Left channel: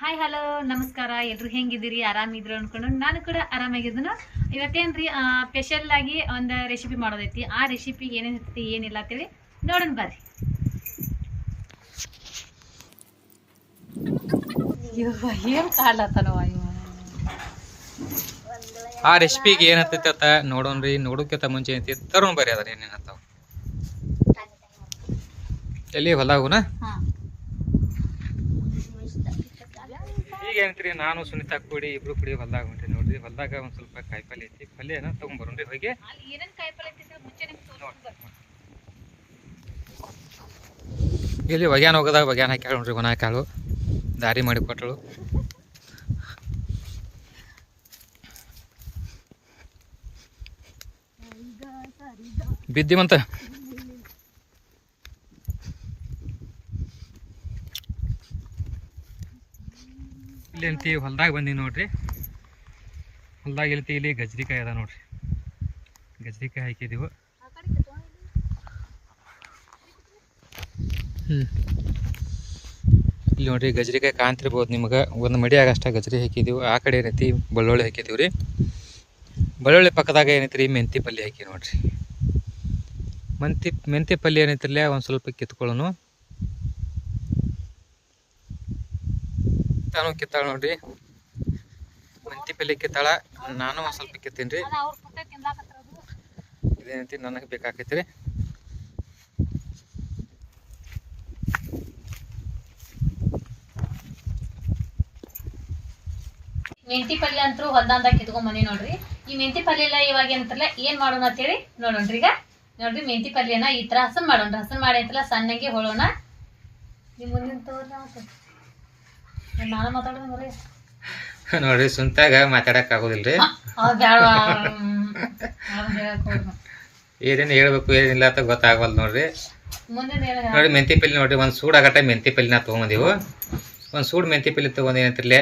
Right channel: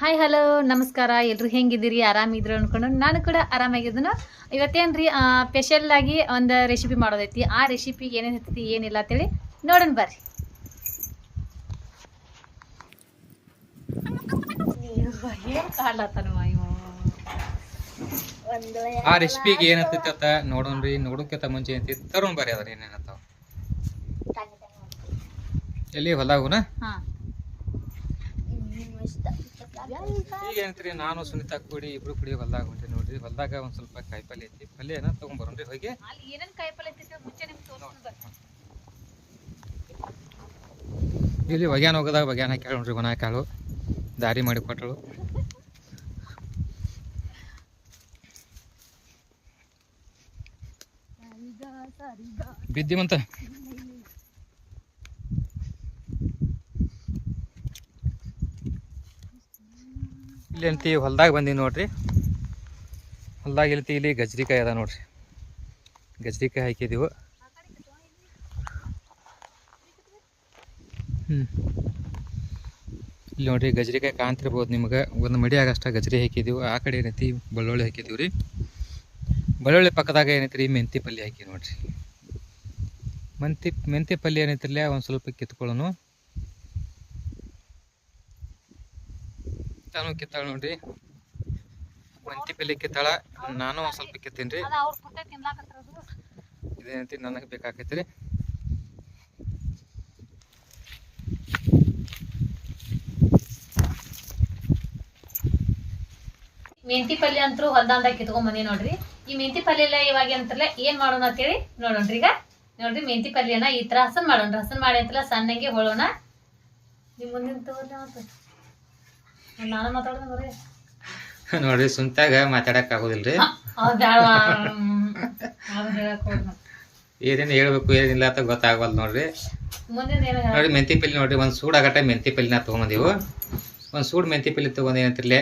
Hi hello ನಮಸ್ಕಾರ. ಎಲ್ರು ಹೆಂಗಿದ್ದೀರಿ? ಆರಾಮಿದ್ರು ಅನ್ಕೊಂಡು ನಾನು ಕೂಡ ಆರಾಮಾಗಿದ್ದನು. ಇವತ್ತೇನ್ರಿ ಸ್ಪೆಷಲ್ ಆಗಿ ಒಂದು ರೆಸಿಪಿ ಮಾಡೋದೈತಿ. ಆ ರೆಸಿಪಿಗೆ ಏನೇನು ಇರ್ತೈತಿ ಏನಿಲ್ಲ ಅಂತೇಳಿ ನೋಡೋಣ ಬರ್ರಿ. ಏನು ಕಾಡ್ಲತ್ತಾನವ ಇವ. ಆ ರೆಸಿಪಿಗೆ ಏನತ್ತೈತಿ ಅಂತ ನೋಡೋಣ್ರಿ. ನೋಡೋಕ್ಕಿಂತ ಮುಂಚೆ ಏನೈತಿ ತರೋಣ ಬರ್ರಿ ಅದ್ರ ಏನೇನತ್ತಾವ. ಎಲ್ಲಿ ಹೊಲಾಗುನ ಈಗ ಏನಂತ್ರಿ, ನಾನು ಸುನಿತಾ ಕೂಡಿ ಇಬ್ರು ಕೂಡಿ ಹೊಲ್ದಾಗ ಹೊಂಟ್ರಿ ನೋಡ್ರಿ. ಹೊಲ್ದಾಗ ಒಂದ್ ಸ್ವಲ್ಪ ಕಾಯಿಪಲ್ಲೆ ಐತಿ, ಪಲ್ಯನ ತಗೊಂಡ್ಬರೋಣ್ರಿ ಹೋಗಿ. ಇಲ್ಲಿ ಒಗ್ಯಾನ ಹೋಗದಾಗ ಒಗ್ಯಾನ ಹಾಕಿ ನೋಡ್ರಿ, ಒಣ ಕಾಳು ದಾರಿ ಮಾಡಿ ಕೊಟ್ಟಳು. ಬಿದ್ದಿವಂತ ಇಲ್ಲಿ ಅಂತಿ ಹೊಲ್ದಾಗ ಬಂದೀವಿ ನೋಡ್ರಿ. ಹೊಲ್ದಾಗ ಇಲ್ತಿ ಇಲ್ಲಿ ಗಜ್ರಿಕಾಯಿ ಅದ ನೋಡ್ರಿ, ಗಜ್ರಿಕಾಯಿ ಹಾಕಿದೀವು. ಇಲ್ಲಿ ನೋಡ್ರಿ ಗಜ್ರಿಕಾಯಿ ಕಾಣ್ತಿರ್ಬೋದು ನಿಮ್ಗೆ. ಒಂದು ಮಡಿಯಾಗ ಅಷ್ಟ ಗಜ್ರಿ ಹಾಕಿದೀವಿ. ಆ ಕಡೆ ಏನೈತಿ ಬೆಳ್ಳುಳ್ಳಿ ಹಾಕಿದೀವಿ ರೀ. ಬೆಳ್ಳುಳ್ಳಿ ಪಕ್ಕದಾಗ ಏನೈತಿ ಮೆಂತಿ ಪಲ್ಯ ಹಾಕಿ ನೋಡ್ರಿ. ಮೆಂತಿ ಪಲ್ಯ ಏನೈತಿಲ್ಲ ಒಂದು ಸ್ವಲ್ಪ ಕಿತ್ಕೊಳ್ಳೋನು. ನಾನು ಕಿತ್ತಾಳ ನೋಡ್ರಿ, ಮೆಂತಿ ಪಲ್ಯ ಕಿತ್ತಾಳ. ನಾನು ಒಂದು ಸ್ವಲ್ಪ ಕಿತ್ತೀನಿ ರೀ. ಇದೇನೈತಿ ನನಗೆ ಬೇಕಾಕೈತಿ ರೀ. ಮೆಂತಿ ಪಲ್ಯ ಅಂತೂ ಹೊಲ್ದಂದಾಗ ಕಿತ್ಕೊಂಡ್ ಬಂದಿ ನೋಡ್ರಿ. ಈ ಮೆಂತಿ ಪಲ್ಯ ಎಲ್ಲ ಇವಾಗ ಏನಂತಾರಲ್ಲ ಏನ್ ಮಾಡೋಣ ಅಂತೇಳಿ ನೋಡೋಣ್ರಿ. ಈಗ ನೋಡ್ರಿ ಮೆಂತಿ ಪಲ್ಯನ ಈ ತರ ಹಸನ್ ಮಾಡೋಣ್ರಿ. ಹಸನ್ ಮಾಡಿ ಅಂತಲ್ಲ ಸಣ್ಣಂಗೆ ಹೊಳೋಣ. ನಿಮ್ ಮುಂದಿನ ತಗೋರಿ ನಾನು ಮಾತಾಡೋಣ ಬರ್ರಿ. ನೋಡ್ರಿ ಸುಂತಾಗ ಮಾತಾಡಕ್ ಆಗೋದಿಲ್ರಿ. ಏನೇನು ಹೇಳ್ಬೇಕು ಏನಿಲ್ಲ ಅಂತ ಗೊತ್ತಾಗವಲ್ ನೋಡ್ರಿ. ನೋಡ್ರಿ ಮೆಂತಿ ಪಲ್ಯ ನೋಡ್ರಿ, ಒಂದು ಸೂಡಾಗಟ್ಟ ಮೆಂತಿ ಪಲ್ಯನ ತೊಗೊಂಬಂದೀವು. ಒಂದು ಸೂಡ್ ಮೆಂತಿ ಪಲ್ಯ ತೊಗೊಂಡು ಏನಂತಿರ್ಲಿ,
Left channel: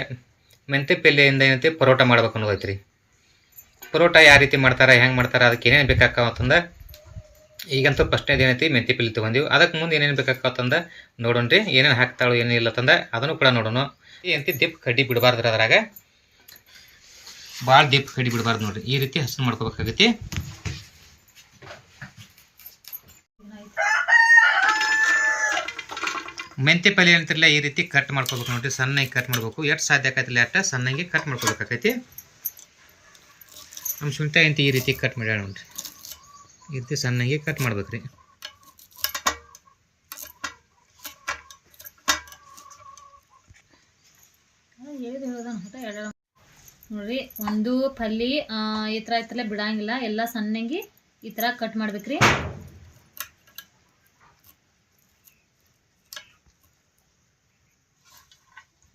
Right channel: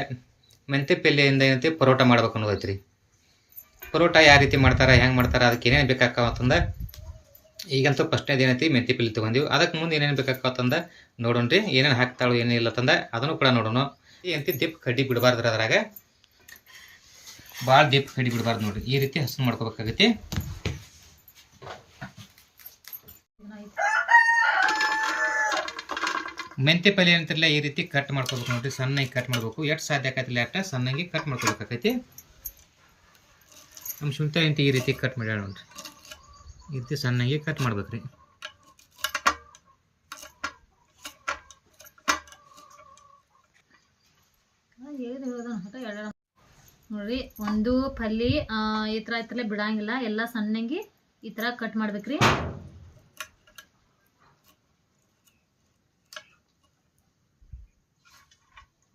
ಮೆಂತಿ ಪಲ್ಯದಿಂದ ಏನೈತಿ ಪರೋಟ ಮಾಡ್ಬೇಕು ಅನ್ನೋದೈತ್ರಿ. ಪರೋಟ ಯಾವ ರೀತಿ ಮಾಡ್ತಾರೆ, ಹೆಂಗೆ ಮಾಡ್ತಾರೆ, ಅದಕ್ಕೆ ಏನೇನು ಬೇಕಾಕತ್ತಂದ ಈಗಂತೂ ಫಸ್ಟ್ನೇದು ಏನೈತಿ ಮೆಂತಿ ಪಲ್ಯ ತೊಗೊಂಡಿವಿ. ಅದಕ್ಕೆ ಮುಂದೆ ಏನೇನು ಬೇಕಾಕತ್ತಂದ ನೋಡೋಣ್ರಿ. ಏನೇನು ಹಾಕ್ತಾಳು ಏನಿಲ್ಲ ತಂದ ಅದನ್ನು ಕೂಡ ನೋಡೋಣ. ಏನಂತಿ ದಿಪ್ ಕಡ್ಡಿ ಬಿಡಬಾರ್ದ್ರಿ, ಅದ್ರಾಗ ಭಾಳ ದಿಪ್ ಕಡ್ಡಿ ಬಿಡಬಾರ್ದು ನೋಡ್ರಿ. ಈ ರೀತಿ ಹಸನ್ ಮಾಡ್ಕೋಬೇಕಾಗೈತಿ. ಮೆಂತಿ ಪಲ್ಯ ಏನಂತಿರಲ್ಲ ಈ ರೀತಿ ಕಟ್ ಮಾಡ್ಕೋಬೇಕು ನೋಡ್ರಿ. ಸಣ್ಣಗೆ ಕಟ್ ಮಾಡ್ಬೇಕು. ಎಷ್ಟು ಸಾಧ್ಯ ಆಕೈತಿಲ್ಲ ಅಷ್ಟ ಸಣ್ಣಗೆ ಕಟ್ ಮಾಡ್ಕೋಬೇಕಾಗೈತಿ. ನಮ್ಮ ಸುಂಟ ಎಂತ ಈ ರೀತಿ ಕಟ್ ಮಾಡ್ಯಾಳ ನೋಡ್ರಿ. ಈ ರೀತಿ ಸಣ್ಣಗೆ ಕಟ್ ಮಾಡ್ಬೇಕ್ರಿ. ನೋಡ್ರಿ ಒಂದು ಪಲ್ಯ ಈ ತರ ಐತಲ್ಲ ಬಿಡಂಗಿಲ್ಲ, ಎಲ್ಲ ಸಣ್ಣಂಗಿ ಈ ತರ ಕಟ್ ಮಾಡ್ಬೇಕ್ರಿ.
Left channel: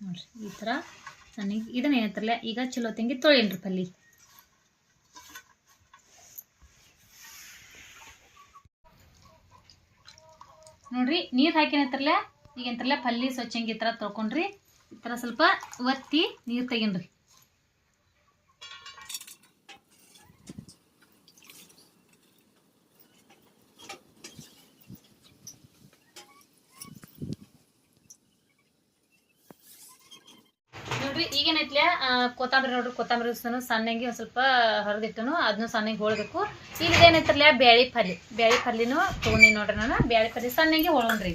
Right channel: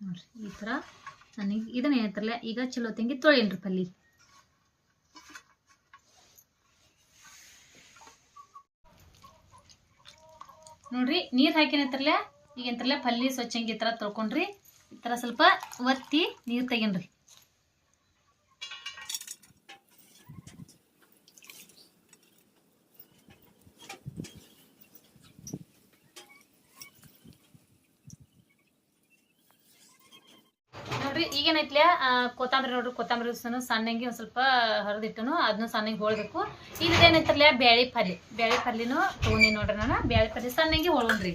ನೋಡ್ರಿ ಈ ತರ ಸಣ್ಣಗೆ ಇದನ್ನ ಏನಂತಾರಲ್ಲ ಈಗ ಚಲೋ ತಂಗಿ ತೊಳೆಯನ್ರಿ ಪಲ್ಯ. ನೋಡ್ರಿ ನೀರು ಹಾಕಿನಂತಾರಲ್ಲ ಈಗ ಎಂತಾರಲ್ಲ ಪಲ್ಯ ಸ್ವಚ್ಛಂಗಿ ಈ ತರ ತೊಳ್ಕೊಂಡ್ರಿ. ಈ ತರ ಸ್ವಲ್ಪ ಒತ್ತಿ ನೀರು ತೆಗಿನ್ರಿ. ನೋಡ್ರಿ ಈಗೇನೈತ್ಲ ಕೊತ್ತಂಬರಿ ನೋಡ್ರಿ, ಕೊತ್ತಂಬರಿ ಸಣ್ಣಂಗಿ ಒಂದು ಸ್ವಲ್ಪ ಹರಿದಿಟ್ಟನು, ಅದನ್ನು ಸಣ್ಣಂಗಿ ಹೋಳ್ಬೇಕು. ಈಗ ಏನೈತ್ರಲ್ಲ ಬ್ಯಾಳಿ ಪಲ್ಯನೂ ತೊಗೊಂಡಿ ನೋಡ್ರಿ. ನಾನು ಬ್ಯಾಳಿ ಪಲ್ಯ ಸಣ್ಣಂಗಿ ಹೋಳ್ಕೊಂಡ್ರಿ.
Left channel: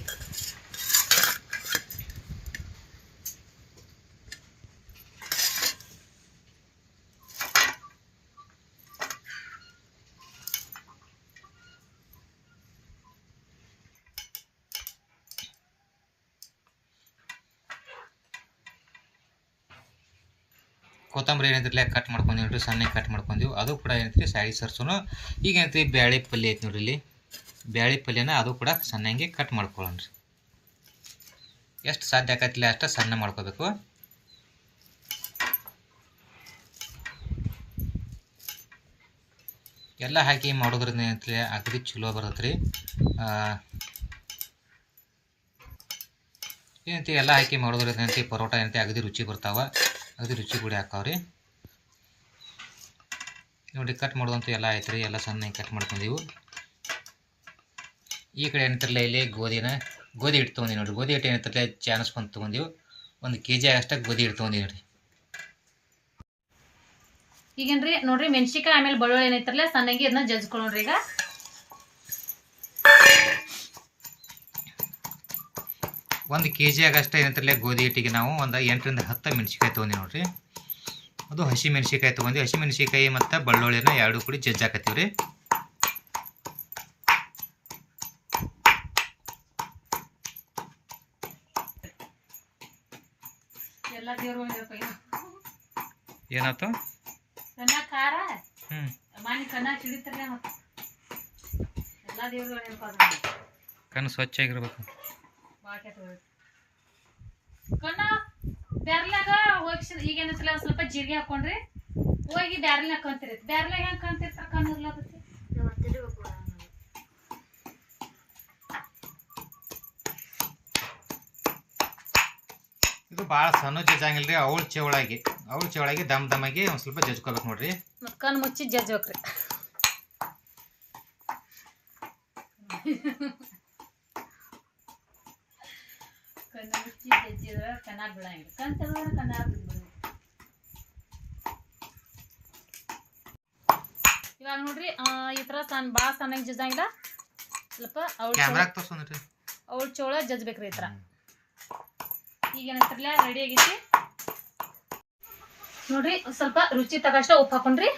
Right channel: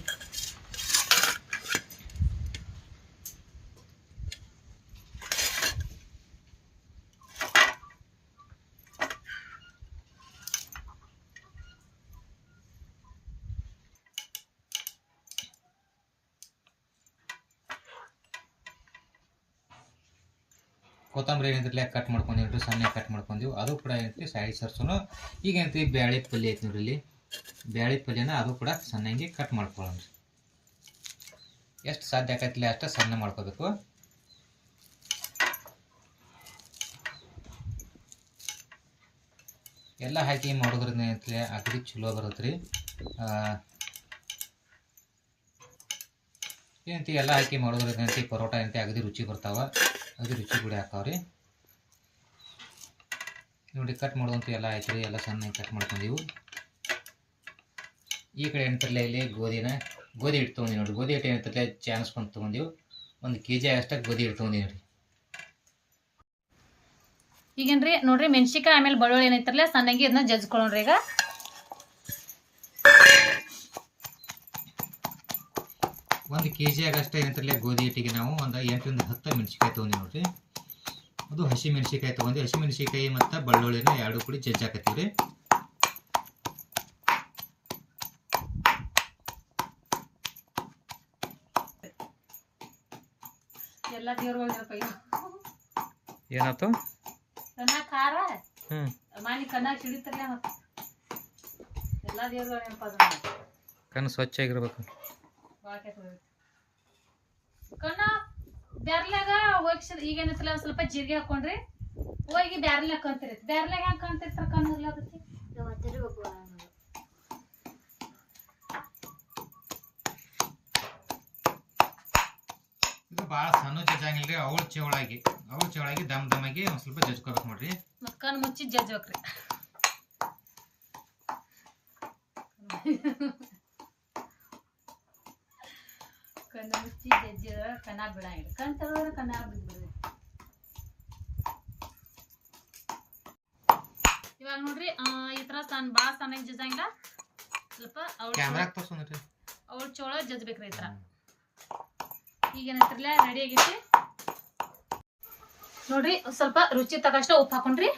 ಕೊತ್ತಂಬರಿ ಏನೈತಿರ್ಲಿ ಕಟ್ ಮಾಡ್ಕೊಂಡಿ ನೋಡ್ರಿ, ಸಣ್ಣಗೆ ಕಟ್ ಮಾಡ್ಕೊಂಡೀವಿ. ಅದು ಕೂಡ ಏನೈತಿ ಸೈಡ್ ಸರ್ಸೋನು. ಈಗ ಏನೈತಿ ಬ್ಯಾಳಿ ಪಲ್ಯ ಐತಿ ನೋಡ್ರಿ. ಇಲ್ಲಿ ಬ್ಯಾಳಿ ಪಲ್ಯನ ಅದು ಕೂಡ ಸಣ್ಣಗೆ ಕಟ್ ಮಾಡ್ಕೊಳ್ಳೋಣ್ರಿ. ಎಷ್ಟು ಸಾಧ್ಯ ಆಕೈತಿಲ್ಲ ಅಷ್ಟ ಸಣ್ಣ ಮಾಡ್ಕೋಬೇಕು. ಎಲ್ಲ ಹಾಕಿ ಮಾಡೋದ್ರಿಂದ ಏನೈತಿ ಅಗದಿ ಚಲೋ ಬರ್ತೈತ್ರಿ. ಏನೈತಿ ಎಲ್ಲ ಹಾಕಿ ಮಾಡೋದ್ರಿಂದ ಏನೈತಿ ಪರೋಟ ಏನೈತಿ ಅಗದಿ ರುಚಿ ಬರ್ತಾವ, ಅಗದಿ ರುಚಿ ಕೂಡ ಹಾಕಾವ್ರಿ. ನೋಡಿ ಕಟ್ ಮಾಡೋದಂತೂ ಎಲ್ಲ ಆಯ್ತು ರೀ. ಎಲ್ಲ ಸಣ್ಣಗೆ ಕಟ್ ಮಾಡ್ಕೊಂಡೀವು. ಈ ಕಡೆ ಏನಂತಾರಲ್ಲ ಇಲ್ಲಿ ಗೋಧಿ ಹಿಟ್ಟು ತೊಗೊಂಡಿ ನೋಡಿರಿ. ಗೋಧಿ ಹಿಟ್ಟು ಏನಂತಾರಲ್ಲ ಚಾನಸ್ಕೊಂಡು ತೊಗೊಂಡಿವು. 1 kg ಆಗಷ್ಟ ಗೋಧಿ ಹಿಟ್ಟು ತೊಗೊಂಡಿನಿ ರೀ. ಈಗೇನ್ರಿ ನೋಡ್ರಿ ಮೆಣಸಿಕಾಯಿ ಆಮೇಲೆ ಬೆಳ್ಳುಳ್ಳಿ ಏನೈತ್ರಲ್ಲ ಸಣ್ಣಗೆ ಇದನ್ನ ಜಜ್ಕೊಳ್ಳೋಣ್ರಿ. ಈಗ 1 kg ಆಗಷ್ಟ ಏನಂತಾರಲ್ಲ ಗೋಧಿ ಹಿಟ್ಟಿಗೆ ನಾವು ಒಂದು 8 ರಿಂದ 10 ಮೆಣಸಿಕಾಯಿ ತೊಗೊಂಡಿ ನೋಡ್ರಿ. ಅದು ಹಸಿ ಮೆಣಸಿಕಾಯಿ ತೊಗೊಂಡು ಹಸಿ ಮೆಣಸಿಕಾಯಿ ಮತ್ತು ಬೆಳ್ಳುಳ್ಳಿನ ಎರಡು ಕೂಡಿ ಜಜ್ಜಾಕತ್ತೀವಿ ರೀ. ಎಲ್ಲ ದೇವ್ರ ಏನಾಯ್ತು ಕನ್ನ ಖಾರ ಮಾನಿ ಕನ್ನ ಹಿಡಿತಾರಲ್ಲ ಮತ್ತೆ ಎಲ್ಲ ದೇವ್ರ ಕಣ್ಣು ಸ್ವಚ್ಛಾಗಿರ್ಬೇಕು. ಕಣ್ಣ ಬ್ಯಾರ್ಲಾಗ ಹೋಗಿ ಈಗೇನತ್ತಲ್ಲ ಸ್ವಲ್ಪ ಜೀರಿಗೆ ಹಾಕೊಂಡ್ರಿ ಹೋಗಿ ಬ್ಯಾರ್ಲಾಗ ಕಂತಿರಿ. ಬ್ಯಾರ್ಲಾಗ ಹೆಂಗ್ ಕಂತಿರ್ತಾರ ಕಣ್ಣು ಇರ್ಲಾಕತ್ತಿ ಇದು ಭಾಳ ಸಣ್ಣ ಜಜ್ಜಂಗಿಲ್ರಿ. ಅವಳ ಚವಳಾಗಿ ದಮ್ಮಾಗಿ ಒಂದು ಸ್ವಲ್ಪ ಜಜ್ಕೋಬೇಕು ನೋಡ್ರಿ. ಮತ್ತು ಕಣ್ಣು ಮುಚ್ಚಿ ಜಜ್ಬೇಕ್ರಿ. ಕಣ್ಣು ಮುಚ್ಚಿ ಜಜ್ಜಿದ್ರೆ ಕಣ್ಣ ಬಿಡಂಗಿಲ್ಲ. ಕಣ್ ತೆಗೆದ್ರೆ ಕಣ್ಣ ಬಿಡ್ಬಿಡ್ರಿ. ಇವಾಗ ನೋಡ್ರಿ ಈ ಥರ ಭಾಳ ಸಣ್ಣಗೆ ಜಜ್ಜಂಗಿಲ್ಲ. ಸ್ವಲ್ಪ ಕ್ಯಾಮ್ರಾಗ ತೋರ್ಸೋಣ್ರಿ. ಅವಳ ಚೋಳ ಜಜ್ಬೇಕ್ರಿ ಈ ಥರ. ಈಗೇನಂತಿರ್ಲ ರೆಡಿ ಆಗೈತಿ ನೋಡ್ರಿ. ಸ್ವಲ್ಪ ರುಚಿ ತಗಷ್ಟ ಉಪ್ಪು ಹಾಕೊಂಡ್ರಿ.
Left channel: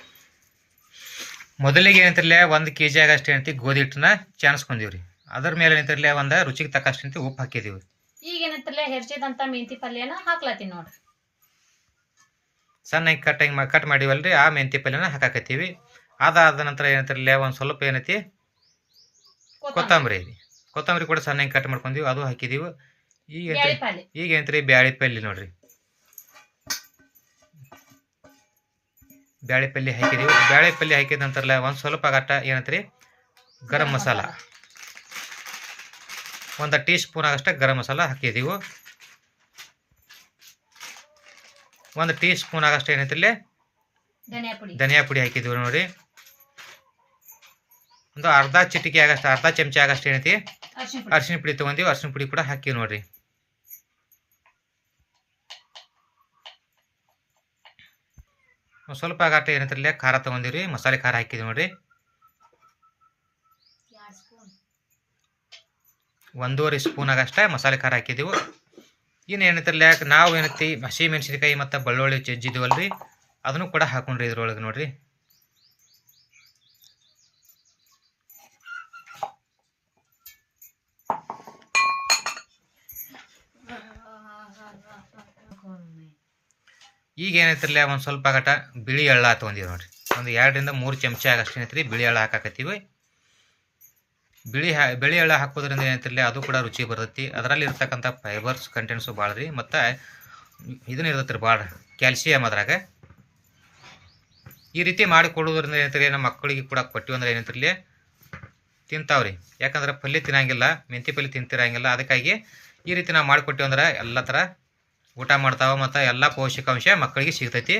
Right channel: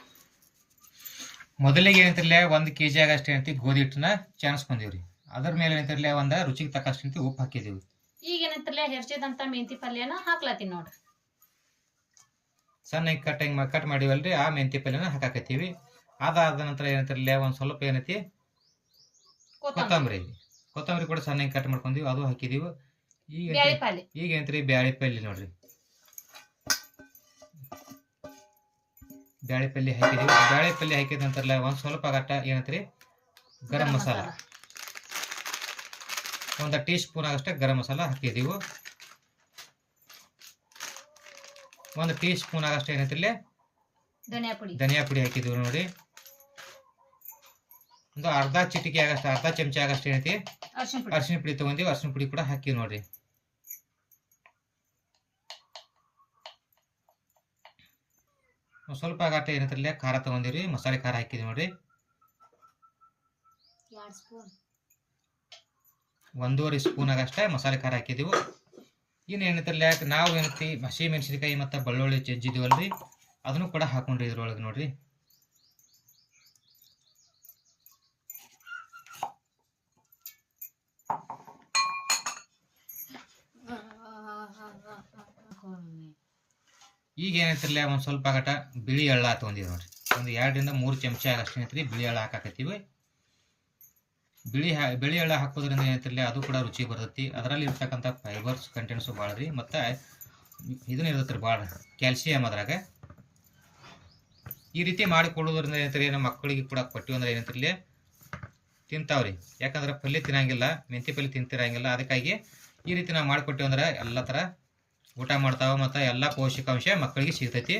ಮೊದಲಿಗೆ ಏನಂತಿರ್ಲ 1 kg ಆಗಷ್ಟು ಏನಂತಿ ಗೋಧಿ ಹಿಟ್ಟನ್ನ ಚಾಣಿಸ್ಕೊಂಡಿವ್ರಿ. ಅದ್ರ ಮೇಲೆ ಏನಂತಿರ್ಲ ಒಂದು ರುಚಿಗೆ ತಕ್ಕಷ್ಟು ಅಂತ ಉಪ್ಪು ಹಾಕಿದೀವಿ. ಈಗೇನಂತಿರ್ಲ ಹೆರ್ಚಿದಂತ ಮೆಂತಿ ಪಲ್ಯನ ಹಾಕ್ಲತ್ತೀನಿ ನೋಡ್ರಿ. ಸಣ್ಣಗೆ ಕಟ್ ಮಾಡಿವಲ್ರಿ ಆ ಮೆಂತಿ ಪಲ್ಯನ ಹಾಕಾಕತ್ತೀವಿ. ಅದಾದ ನಂತರ ಏನಂತಿರ್ಲ ಒಂದು ಸ್ವಲ್ಪ ಏನೈತಿ ಕೊತ್ತಂಬರಿ ಕೂಡ ಸಣ್ಣಗೆ ಕಟ್ ಮಾಡ್ಕೊಂಡೀವಿ, ಅದು ಹಾಕಿದೀವಿ. ಈಗ ಏನಂತ್ರಿ ಬ್ಯಾಳಿ ಪಲ್ಯ ನೋಡ್ರಿ. ಬ್ಯಾಳಿ ಪಲ್ಯ ಹಾಕಿದೀವಿ. ಬ್ಯಾಳಿ ಪಲ್ಯ ಹಾಕಿದ ನಂತರ ಒಂದು ಸ್ವಲ್ಪ ಗಟ್ಟ ಏನಂತ್ರಿ ಗರಂ ಮಸಾಲ 1 ಟೀ ಸ್ಪೂನ್ ಆಗಷ್ಟ ಗರಂ ಮಸಾಲ ಹಾಕಿದೀವಿ. 1 ಟೀ ಸ್ಪೂನ್ ಆಗಷ್ಟ ಏನಂತಿರ್ಲಿ ಧನಿಯಾ ಪುಡಿ ಹಾಕಿದೀವಿ ನೋಡ್ರಿ. ಒಂದು ಅರ್ಧ ಚಮಚ ಆಗಷ್ಟ ಏನೈತಿ ಅರಿಶಿನ ಪುಡಿ ತೊಗೊಂಡಿವಿ. ಅರಿಶಿನ ಪುಡಿ ಕೂಡ ಹಾಕಿವಿ ನೋಡ್ರಿ. ಸ್ವಲ್ಪ ಆಗಟ್ಟ ಏನಂತಿರ್ಲಿ ಖಾರ ತೊಗೊಂಡಿವ್ರಿ. ಮಸಾಲೆ ಖಾರ ಹಾಕಿದ್ವಿ ನೋಡ್ರಿ. 1.5 ಸ್ಪೂನ್ ಆಗಷ್ಟ ಮಸಾಲೆ ಖಾರ ಹಾಕಿದೀವಿ. ಇನ್ನು ಏನಂತಿರ್ಲಿ ನಾವು ಏನೈತಿ ಹಸಿ ಮೆಣಸಿನಕಾಯಿ ಮತ್ತು ಬೆಳ್ಳುಳ್ಳಿ ಜಜ್ಜಿದ್ವಲ್ರಿ ಅದನ್ನು ಕೂಡ ಹಾಕೊಂಡ್ರಿ ಇದ್ರೊಳಗೆ ನೋಡ್ರಿ. ಈಗ ಏನೈತಿರ್ಲ ಒಂದು ಸ್ವಲ್ಪ ಗಟ ಬಿಳಿ ಎಳ್ಳ ತೊಗೊಂಡಿವಿ ನೋಡ್ರಿ. ಒಂದು 2 ರಿಂದ 3 ಚಮಚ ಆಗಷ್ಟು ಏನೈತ್ರಿ ಬಿಳಿ ಎಳ್ಳ ಹಾಕಾಕತ್ತೀವಿ. ಬಿಳಿ ಎಳ್ಳ ಹಾಕೋದ್ರಿಂದ ಏನೈತಿರ್ಲಿ ಅದು ಕೂಡ ರುಚಿ ಬರ್ತೈತಿ. ಅದರಲ್ಲಿ ಇರ್ತಕ್ಕಂಥ ಫೈಬರ್ಸ್ ಕಂಟೆಂಟ್ಸು ಭಾಳ ರೀ. ಮತ್ತು ಇದನ್ನ ಇರ್ತೈತಿ ರೀ ಭಾಳ ಕ್ಯಾಲ್ಸಿಯಮ್ ಅದ್ರಾಗ. ಈ ರೀತಿ ಮಾಡಿ ಕೊಡೋದ್ರಿಂದ ಏನೈತ್ರಿ ನಮ್ಮ ಮಕ್ಕಳಿಗೆ ಕೂಡ ಕೊಟ್ಟಿವಿ ಅಂದ್ರೆ ಏನೈತಿರ್ಲಿ ತಿಂತಾವ್ರಿ. ಯಾಕಂದ್ರೆ ಪಲ್ಯ ತಿನ್ನಂಗಿಲ್ಲ, ಮೆಂತಿ ಪಲ್ಯ ತಿಂತಿರಂಗಿಲ್ಲ. ಅದಕ್ಕಾಗಿ ಈ ರೀತಿ ನಾವು ಮಾಡಿಕೊಟ್ಟಿವಿ ಅಂದ್ರೆ ಎಲ್ಲ ಥರ ಊಟ ಮಾಡ್ತಾವೆ ಮತ್ತು ಎಲ್ಲ ಪೌಷ್ಟಿಕಾಂಶ ಮಕ್ಕಳಿಗೆ ಸಿಗ್ತೈತಿ.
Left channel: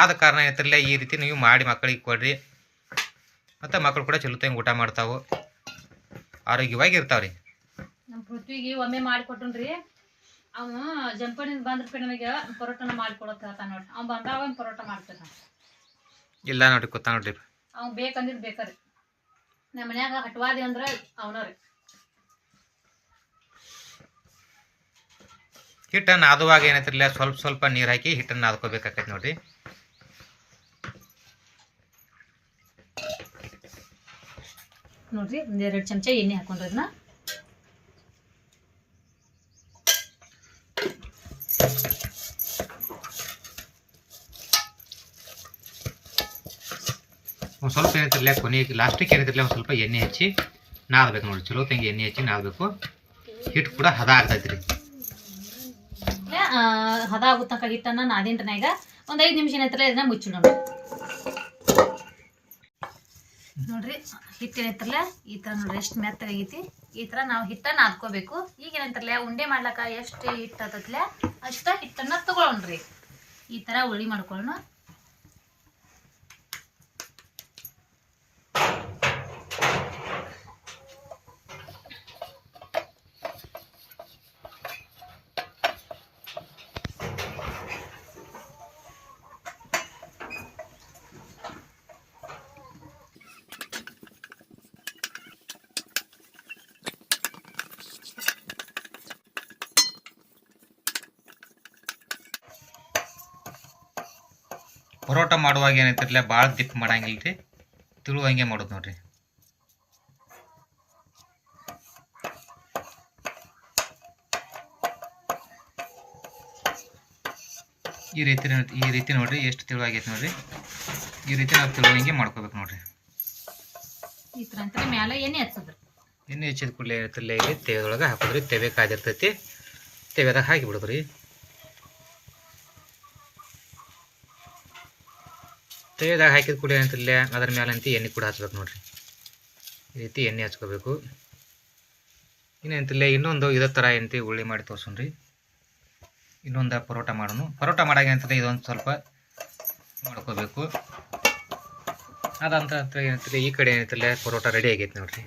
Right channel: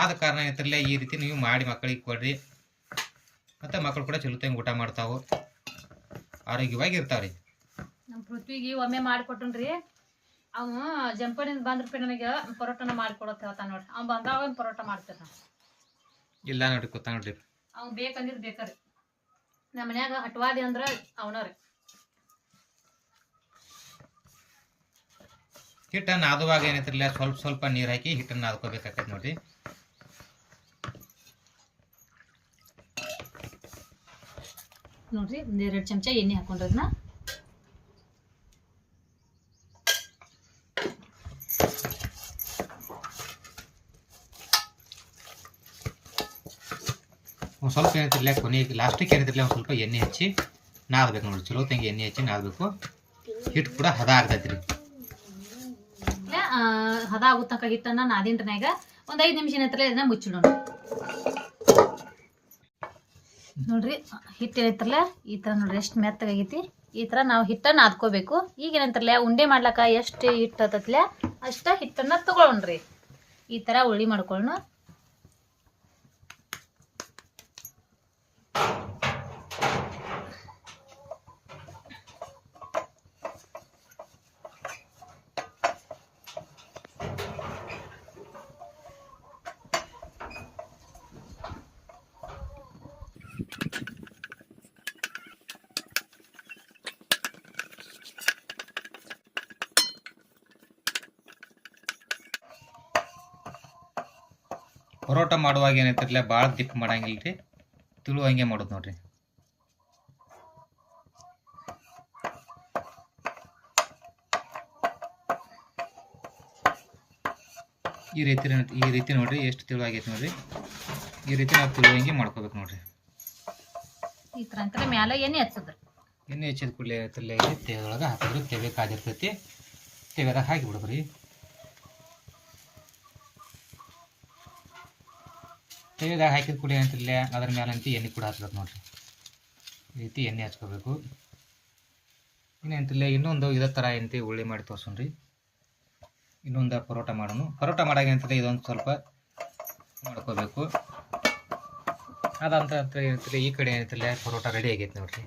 ಆದ ಕಾರಣ ಏನೈತಿರ್ಲಿ ಈ ರೀತಿ ನೀವು ಮಾಡಿ ಮಕ್ಕಳಿಗೆ ಕೊಡ್ರಿ. ಮತ್ತು ಮಕ್ಕಳು ಕೂಡ ಚಲೋತ್ತಂಗೆ ಊಟ ಮಾಡ್ತಾವೆ, ಆರೋಗ್ಯವಾಗಿ ಇರ್ತಾವ್ರಿ. ನಮ್ಮ ಪೃಥ್ವಿಗೆ ಒಮ್ಮೆ ಮಾಡಿಕೊಟ್ಟನ್ರಿ. ಅವನು ಜಂಪನಿಂದ ಬಂದ್ರಪ್ಪ ನನಗೆ ಪರೋಟನ ಮಾಡಿಕೊಡೋದು ಹೇಳ್ತಾನೆ ನೋಡ್ರಿ. ಅವ್ನು ಬಂದಾಗ ಪರೋಟ ಮಾಡ್ತಾನೆ. ಇಲ್ಲ ನೋಡ್ರಿ ಕೂತ ನೋಡ್ರಿ. ಅವ್ನು ಬೇಕಂದಿದ್ದು ಬೇಕ್ರಿ. ನಮ್ಮ ಮನ್ಯಾಗ ಹಟ್ವಾದಿ ಅಂದ್ರೆ ಅವನವ್ರಿ. ಹಿಟ್ಟನ್ನು ನಾದುವಾಗ ಏನೈತಿರ್ಲಿಲ್ಲ ಸ್ವಲ್ಪ ನೀರು ಹಾಕಿ ಹಿಟ್ಟನ್ನು ನಾದ್ಕೋಬೇಕಾಕೈತಿ ನೋಡ್ರಿ. ನೋಡ್ರಿ 1-2 ಚಮಚ ಎಣ್ಣೆ ಹಾಕೊಂಡ್ರದ್ನ ಒಂದು ಸ್ವಲ್ಪ ಏನೈತಿರ್ಲಿಲ್ಲ ಕೊನೆಗೆ ಲಾಸ್ಟಿಗೆ ಏನೈತಿರ್ಲಿಲ್ಲ ಒಂದು ಸ್ವಲ್ಪ ಎಣ್ಣೆ ಹಚ್ಚಿ ನಾದಬೇಕು ನೋಡ್ರಿ. ಚಲೋ ತಂಗಿ ಎಣ್ಣೆ ಹಚ್ಚಿ ನಾದಬೇಕು. ಹಿಟ್ಟು ಕೂಡ ಹದ ಆಗ್ತೈತಿ ರೀ. ಹದ ಆಗೋ ತನಕ ಹಿಟ್ಟನ್ನ ನಾದಿನ್ರಿನಾಗ ಒಂದು 5 ನಿಮಿಷ ಏನೈತಿರಲ್ಲ ಇದನ್ನ ಮುಚ್ಚಿಡೋಣ ನೋಡ್ರಿ. ಹಿಟ್ಟು ಏನೈತಿರಲ್ಲ ಈ ಥರ ನೋಡ್ರಿ ಎಷ್ಟು ಮೆತ್ತಗಾಗೈತಿ. ಈ ಥರ ನಾವು ಹಿಟ್ಟನ್ನು ನಾದ್ಕೋಬೇಕು. ಈಗ ಏನಂತಾರಲ್ಲ ಉಂಡೆ ಮಾಡ್ಲಕ್ಕ ಎಷ್ಟು ಹಿಟ್ಟು ಹತ್ತತ್ಲೆ ಅಷ್ಟ ಹಿಟ್ಟನ್ನು ತಗೊಳ್ರಿ. ಈ ಥರ ಉಳ್ಳಿ ಮಾಡ್ಕೊಳ್ಳೋಣ. ಪರೋಟ ಮಾಡುವಾಗ ಏನೈತಿರಲ್ಲ ಭಾಳ ದಿಪ್ಪ ಮಾಡಂಗಿಲ್ಲ ರೀ, ತಿಳುವಂಗೆ ಮಾಡೋದು ನೋಡ್ರಿ. ಈ ರೀತಿ ನೋಡ್ರಿ, ಎಷ್ಟು ತಿಳುವಾಗೈತೆ ನೋಡ್ರಿ. ಈ ರೀತಿ ನಾವು ತಿಳುವಂಗೆ ಮಾಡ್ಕೋಬೇಕು ನೋಡ್ರಿ. ಈ ಥರ ಅಂತ ಮ್ಯಾಲೆ ಎಣ್ಣೆ ಹಚ್ಚೋದ್ರಿ. ಎಣ್ಣೆ ಹಚ್ಚಿದ ಕೂಡಲೇ ಇರ್ತಲ್ಲ ಇಲ್ಲಿ ತೆವೆದೊಳಗೆ ಹಾಕೋದ್ರಿ. ತೆವೆ ಕಾದಿರ್ತೈತಿ, ತೆವೆದಾಗ ಹಾಕಿ ಬಿಡೋದ್ರಿ. ತೆವೆದಾಗ ಹಾಕಿದ ಕೂಡಲೇ ಏನಂತಿಲ್ಲ ಅದ್ರ ಮೇಲೆ ಅಂತ ಎಣ್ಣೆ ಕೂಡ ಹಚ್ಬೇಕು ನೋಡ್ರಿ. ಈ ರೀತಿ ಎಣ್ಣೆ ಹಚ್ಕೋಬೇಕು. ಇನ್ನೇಂತಿಲ್ಲ ಇನ್ನೊಂದು ಇದೇ ಥರ ಏನಂತ ಉಳ್ಳಿ ಮಾಡಿ ತೋರ್ಸೋಣ್ರಿ. ಇನ್ನೊಂದು ಪರೋಟ ಮಾಡೋಣ. ಪರೋಟ ಮಾಡಾಗ ಏನಂತಂದ್ರೆ ಇದೊಂದು ಸ್ವಲ್ಪ ಮಾಡ್ಕೋಬೇಕು. ಅದಂತ ಏನಂತಿಲ್ಲ ಈ ಕಡೆ ಏನಂತಿಲ್ಲ ಪರೋಟ ರೆಡಿ ಆಗೈತೆ ನೋಡ್ರಿ.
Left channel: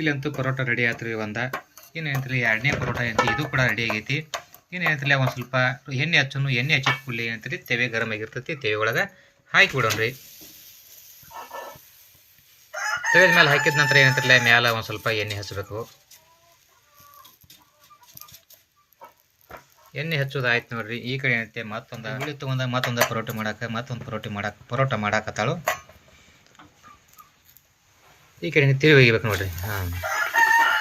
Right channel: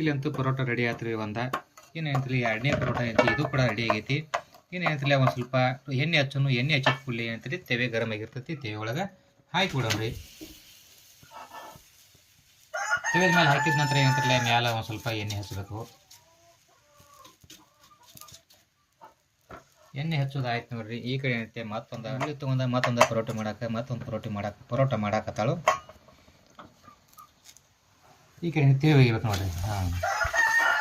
ಇಲ್ಲಂತೂ ಪರೋಟ ರೆಡಿ ಆಯ್ತು ರೀ. ಇನ್ನೇನಂತಿಲ್ಲ ಎರಡನೇ ಪರೋಟ ಏನಂತ ಇದು ಕೂಡ ರೆಡಿ ಆಗೈತಿ. ಇನ್ನೇನಂತಿಲ್ಲ ಒಂದು ಸ್ವಲ್ಪ ಎಣ್ಣೆ ಹಚ್ಚೋನು. ಎಣ್ಣೆ ಹಚ್ಚಿದ ಕೂಡಲೇ ಏನಂತೀರಿ ತೆವೆ ಗರಮ್ ಆಗಿರ್ತೈತಿ. ತೆವೆ ಒಳಗೆ ಹಾಕಿ ಬಿಡೋಣ್ರಿ. ತೆವೆ ಮೇಲೆ ಹಾಕಿದ ನಂತರ ಏನಂತಿರಲ್ಲ ಮ್ಯಾಲ ಒಂದು ಸ್ವಲ್ಪ ಎಣ್ಣೆ ಹಚ್ಚಬೇಕು. ಎಣ್ಣೆ ಹಚ್ಚೋದು ಆಯ್ತು ನೋಡ್ರಿ. ಈ ಕಡೆ ಏನಂತೆ ಮತ್ತೊಂದು ಬಿಳಿ ತೊಗೊಂಡ ಮತ್ತೊಂದು ಪರೋಟ ಮಾಡಾಕತ್ತಾಳು. ಈ ಕಡೆ ತಿರುವಿ ಒಗಿಬೇಕು ನೋಡ್ರಿ. ಹಾಂ,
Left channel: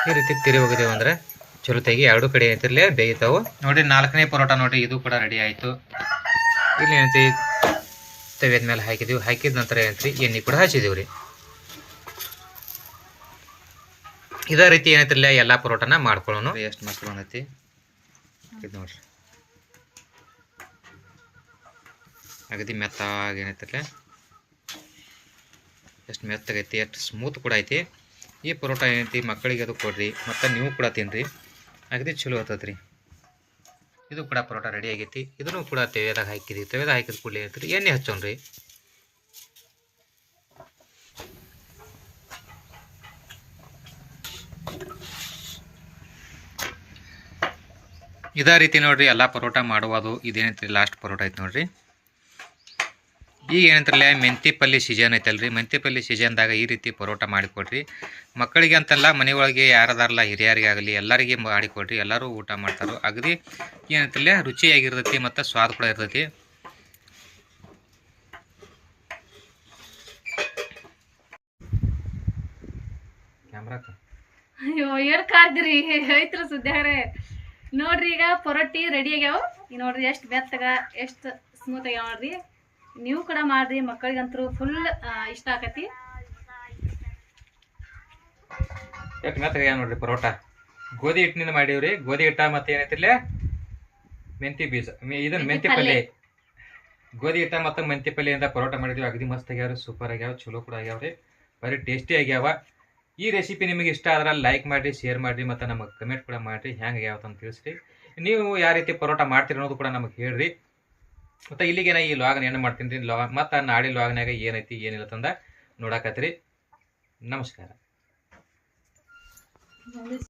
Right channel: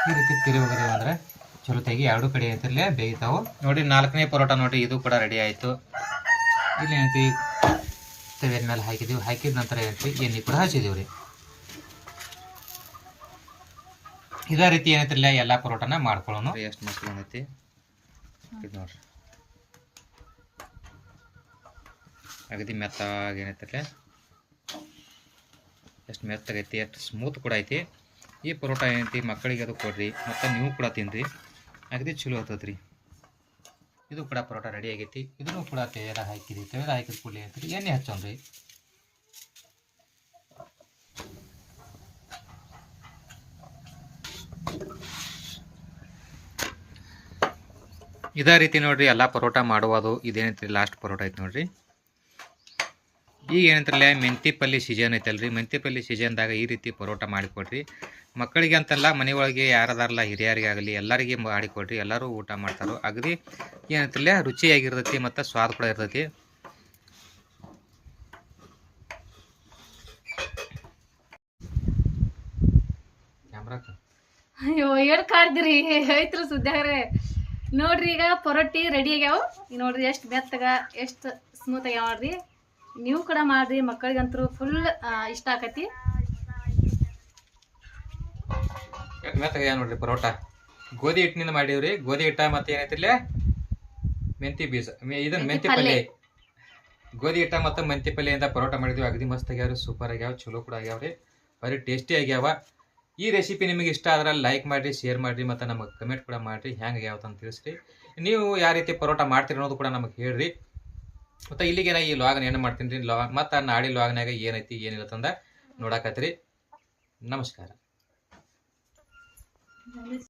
ಈ ರೀತಿ ತಿರುವಿ ಒಗದೇವು ಅಂದ್ರೆ ಚಲೋ ತೆಗಿ ಎರಡು ಕಡೆ ಏನಂತಿರಲೇ ಬೇಯ್ತಾವೆ ನೋಡ್ರಿ. 4ನೇ ಪರೋಟ ನೋಡ್ರಿ, ಇದು ಕೂಡ ರೆಡಿ ಆಯಿತು. ಇಲ್ಲಿ ಏನಂತಿ ತೆವೆದ ಮೇಲೆ ಹಾಕಿದೀವಿ. ಹಾಕಿದ ನಂತರ ಏನಂತ್ರಿ ಎಣ್ಣೆ ಕೂಡ ಹಚ್ಚಿದೀವಿ ರೀ. ಇದೇ ರೀತಿ ಏನಂತಿರಲ್ಲ ಎಲ್ಲ ಪರೋಟನ ಮಾಡ್ಕೊಳ್ಳೋಣ. ಎಷ್ಟು ಮಸ್ತ್ ಬಂದೈತಿ ಇದು ನೋಡ್ರಿ. ಅಗದಿ ಮೆತ್ತಾಗಿ ಏನೈತಿರಲ್ಲ, ಎಷ್ಟು ಮೆತ್ತಾಗೈತಿ, ಎಷ್ಟು ಸ್ಮೂತ್ ಕೂಡ ಐತಿ. ಈ ಪರೋಟ ಏನೈತಿ ಮಕ್ಕಳಿಗೆ ಅದು ಕೊಡ್ರಿ, ಮತ್ತು ನೀವು ಕೂಡ ತಿನ್ನಿರಿ, ಅಗದಿ ಚಲೋ ಇರ್ತೈತೆ ರೀ. ಇದು ಕೂಡ ಪರೋಟ ರೆಡಿ ಆಗೈತಿ. ಇದನ್ನು ಕೂಡ ತೆವೆದಾಗ ಹಾಕಿದ್ವಿ. ತೆವೆದಾಗ ಹಾಕಿದ ಕೂಡಲೇ ಏನೈತಿ ಎಣ್ಣೆ ಹಚ್ಚೋಣ್ರಿ. ಇದೇ ರೀತಿ ನೋಡ್ರಿ ಎಲ್ಲ ಪರೋಟ ಮಾಡುವುದು. ಇದೇನೈತಿ ಲಾಸ್ಟ್ ಪರೋಟ ಐತಿ ನೋಡ್ರಿ. ಈಗ ಏನಂತಾರಲ್ಲ ಮೆಂತಿ ಪಲ್ಯ ಸೀಸನ್ ಐತಲ್ರಿ. ಮೆಂತಿ ಪಲ್ಯ ಸೀಸನ್ದಾಗ ಈ ರೀತಿ ಪರೋಟ ಮಾಡಿಕೊಡ್ರಿ. ಮಕ್ಕಳಿಗೆ ಅಂತಲ್ಲ, ಮನೆಯೊಳಗೆ ಯಾರದಾರಲ್ಲ ಹಿರಿಯರಿಗೆ ಆಗಲಿ ಎಲ್ಲರಿಗೆ ಮಾಡಿಕೊಡ್ರಿ. ಎಲ್ಲರೂ ಊಟ ಮಾಡ್ತಾರೆ. ಅಗದಿ ಏನಂತಿಲ್ಲ ರುಚಿಯಾಗಿರ್ತೈತಿ ಮತ್ತು ಸ್ವಾದ ಕೂಡ ಇರ್ತೈತಿ. ಕ್ಯಾಮ್ರಾಕ ಅಯ್ಯೋ ಏನು ಕಾರ್ದಿರಿ ಐತ್ರ ಸುದ್ದಿಯಾಗ್ರೆ ನೋಡ್ರಿ. ಈಗ ಪರೋಟಿ ರೆಡಿ ಆಗ್ಯಾವ ನೋಡ್ರಿ. ಎಷ್ಟು ಬೆತ್ತಗ ಎಷ್ಟು ಸ್ಮೂತ್ ಆಗ್ಯಾವ ನೋಡ್ರಿ. ನೀವು ಕೂಡ ಮಾಡ್ರಿ, ಮಕ್ಕಳಿಗಂತೂ ಫುಲ್ ಇಷ್ಟ ಆಕತಿ. ಎಷ್ಟು ಮೆತ್ತಗ ನೋಡ್ರಿ ಪರೋಟ. ಗೋಧಿ ಹಿಟ್ಟಿನಿಂದ ಮಾಡೀವ್ರಿ. ಗೋಧಿ ಹಿಟ್ಟ ಮತ್ತು ಏನೈತಿಲ್ಲ ಮೆಂತಿ ಬೀಜ, ಇದನ್ನ ಮೆಂತಿ ಪಲ್ಯ. ಗೋಧಿ ಹಿಟ್ಟ ಮತ್ತು ಮೆಂತಿ ಪಲ್ಯದಿಂದ ಪರೋಟ ಮಾಡಿದ್ವಿ. ಅಗದಿ ಮಸ್ತ್ ಆಗ್ಯಾವ್ರಿ, ಸೂಪರ್ ಆಗ್ಯಾವ, ಚಲೋ ಕೂಡ ಆಗ್ಯಾವ್ರಿ, ಬರೀ ಟೇಸ್ಟಿ ಆಗ್ಯಾವ. ಈ ರೆಸಿಪಿ ನಿಮಗೆ ಇಷ್ಟ ಆದ್ರೆ ಲೈಕ್ ಮಾಡಿರಿ, ಶೇರ್ ಮಾಡಿರಿ, ಮತ್ತು ನಮಗೆ ಕಮೆಂಟ್ ಕೂಡ ಮಾಡಿರಿ ಹೆಂಗೆ ಆಗ್ಯಾವತ್ತಂತ ತಿಳಿಸ್ರಿ. ನೀವು ಯಾವ ರೀತಿ ಪರೋಟ ಮಾಡ್ತೀರಿ ಅನ್ನೋದು ಕೂಡ ನಮಗೆ ಹೇಳ್ರಿ. ಮತ್ತು ಇಲ್ಲಿಗೆ ನಾ ಈ ಲಾಗ್ನ ಏನು ಮಾಡ್ತೀನಿ ರೀ, ಮತ್ತು ನಾಳೆ ಲಾಗ್ನಾಗ ಏನೈತಿ ಏನಿಲ್ಲ ತಂದ ನೋಡಾಕತ್ತೀರಿ. ನಮಸ್ಕಾರ.